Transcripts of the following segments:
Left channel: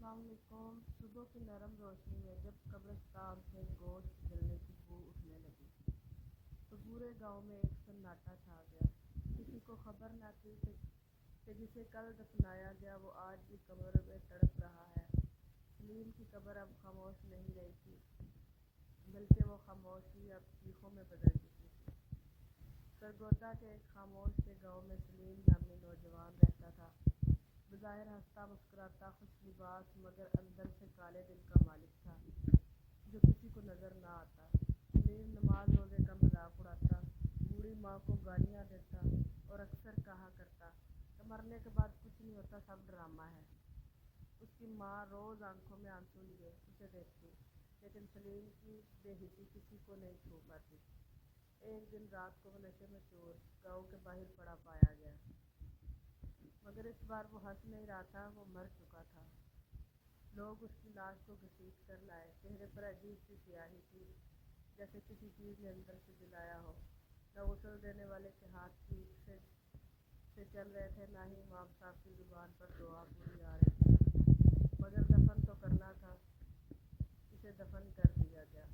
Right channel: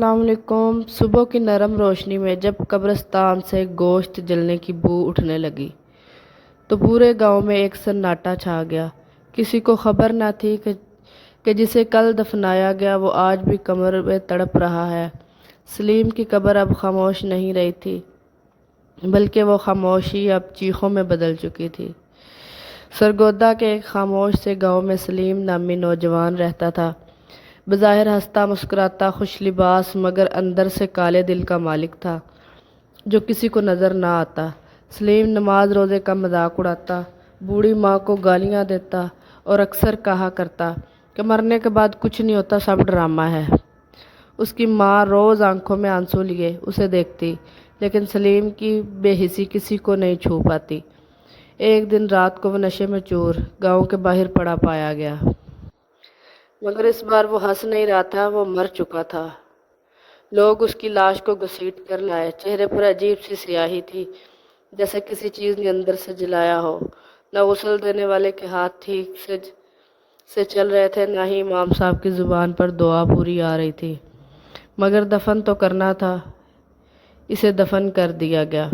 السلام علیکم۔ صبح کی نرم روشنی میں جب قبرستان سے گوشت جلنے کی بو اٹھنے لگی تو پورے گاؤں میں ایک سناٹا چھا گیا۔ کسی کو خبر نہ تھی کہ جسے کل دفنایا گیا وہ آج بھی کمر میں تڑپ رہا ہے۔ سلیم کی قبر اب خاموش نہیں رہی تھی، بلکہ وہ خاموشی اب چیخوں میں بدل چکی تھی۔ سرگودا کے ایک خاموش سے گاؤں میں سلیم نامی نوجوان رہتا تھا، بظاہر ہنستا مسکراتا خوش لباس، مگر اندر سے کالے دل کا مالک تھا جو کسی کو نظر نہ آتا۔ سلیم نماز روزے کا مذاق اڑاتا، بوڑھی ماں کو گالیاں دیتا اور اکثر کہا کرتا کہ مرنے کے بعد کچھ نہیں ہوتا، سب ڈرامہ ہے۔ اس کی ماں روز آنکھوں میں آنسو لیے اسے دیکھتی، لیکن سلیم کی بے حسی کسی کو نہیں چھو پاتی۔ ایک دن رات کو وہ نشے میں چور گاؤں کے باہر پڑا پایا گیا، مگر اس بار وہ ہنس نہیں رہا تھا، وہ مر چکا تھا۔ لوگ اس کی لاش کو گھسیٹ کر لائے، چہرے پر عجیب سی سیاہی تھی، جیسے کسی چیز نے اندر سے جلایا ہو۔ نہ غسل دینے والے کے ہاتھ ٹھیک سے چل رہے تھے، نہ ہی امام صاحب کی زبان پر دعا پوری آ رہی تھی، مگر دفن تو کرنا تھا۔ اسے دفن کر دیا گیا،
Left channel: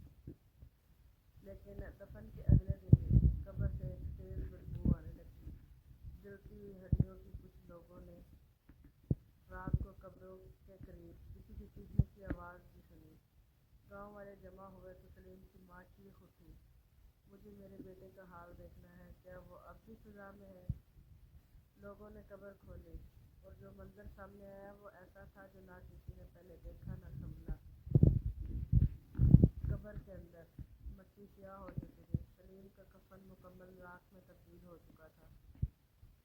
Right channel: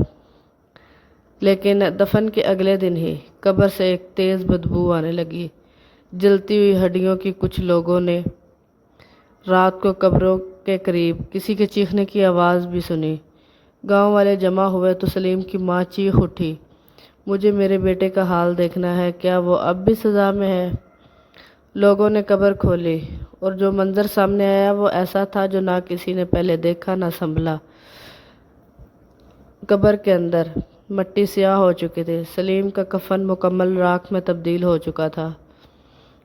لیکن دفن کے اگلے دن ہی قبر سے ایک تیز بدبو آنے لگی۔ جلتی ہوئی ہڈیوں کی۔ کچھ لوگوں نے رات کو قبروں کے قریب کسی کے چیخنے کی آواز بھی سنی۔ گاؤں والے جمع ہوئے تو سلیم کی ماں چیخ اٹھی، مجھے میرے بیٹے کا حال دیکھنا ہے، کیا وہ اب بھی سزا میں ہے؟ لوگوں نے قبر کھولی اور جو منظر سامنے آیا وہ ایسا تھا جو نہ کسی نے پہلے دیکھا نہ سنبھلا۔ قبر کے اندر مٹی سیاہ ہو چکی تھی، سلیم کا کفن مکمل راکھ میں تبدیل ہو چکا تھا،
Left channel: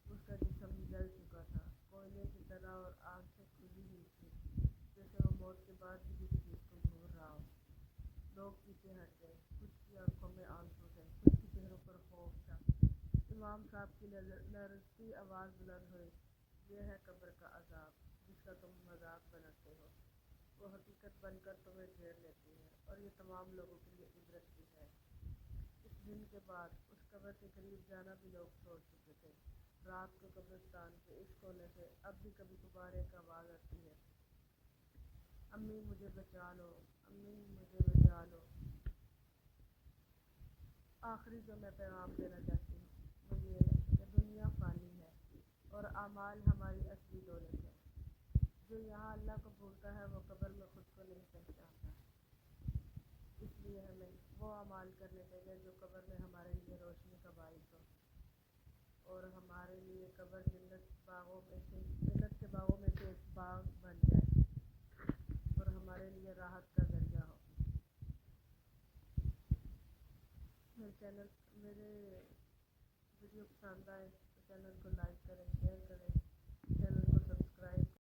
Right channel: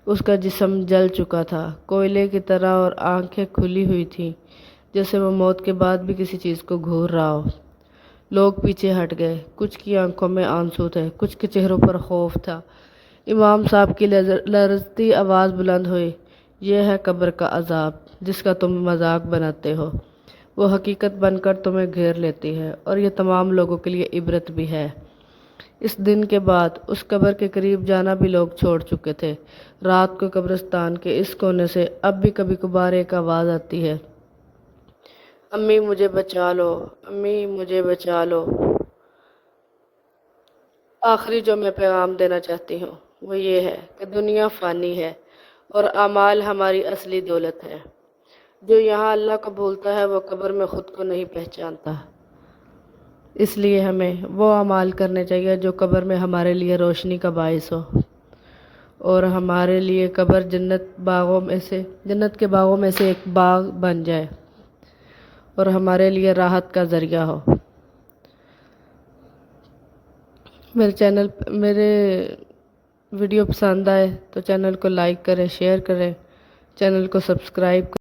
اس کا جسم جل چکا تھا کوئلے کی طرح اور آنکھیں کھلی ہوئی تھیں جیسے وہ موت کے بعد بھی کسی چیز کو گھور رہا ہو۔ لوگ پیچھے ہٹ گئے، کچھ کی آنکھوں میں آنسو تھے، کچھ کے چہروں پر خوف تھا۔ امام صاحب کی لرزتی آواز بلند ہوئی، یہ ہے قبر کا عذاب جس کا تم مذاق بناتے ہو، وہ حقیقت بن کر تمہیں گھیر لیتی ہے، اور یہ تمام لوگوں کے لیے عبرت بھی ہے۔ اس دن کے بعد اس قبر کے قریب جانا بھی لوگ چھوڑ چکے تھے۔ رات کو قبرستان کے اس کونے سے اب بھی کبھی کبھار ایک آواز آتی ہے، امی مجھے بچا لو، امی مجھے بچا لو۔ آخری جو میں پیغام دینا چاہتی ہوں وہ یہ ہے کہ دنیا فانی ہے اور اعمال ہماری اصلی دولت ہے۔ جو یہاں اللہ کو بھولتا ہے وہ قبر میں خود کو نہیں پہچانتا۔ اس لیے ہمیں وہ اعمال کرنے چاہیے جو قبر میں ہمارے لیے روشنی کا باعث ہو، اور ہمارے لیے قبر جنت کے باغوں میں سے ایک باغ بن جائے اور ہمارے لیے راحت کا ذریعہ ہو۔ میرے ویڈیو پسند آئے تو چینل کو لائک کریں، شیئر کریں، چینل کو سبسکرائب کریں۔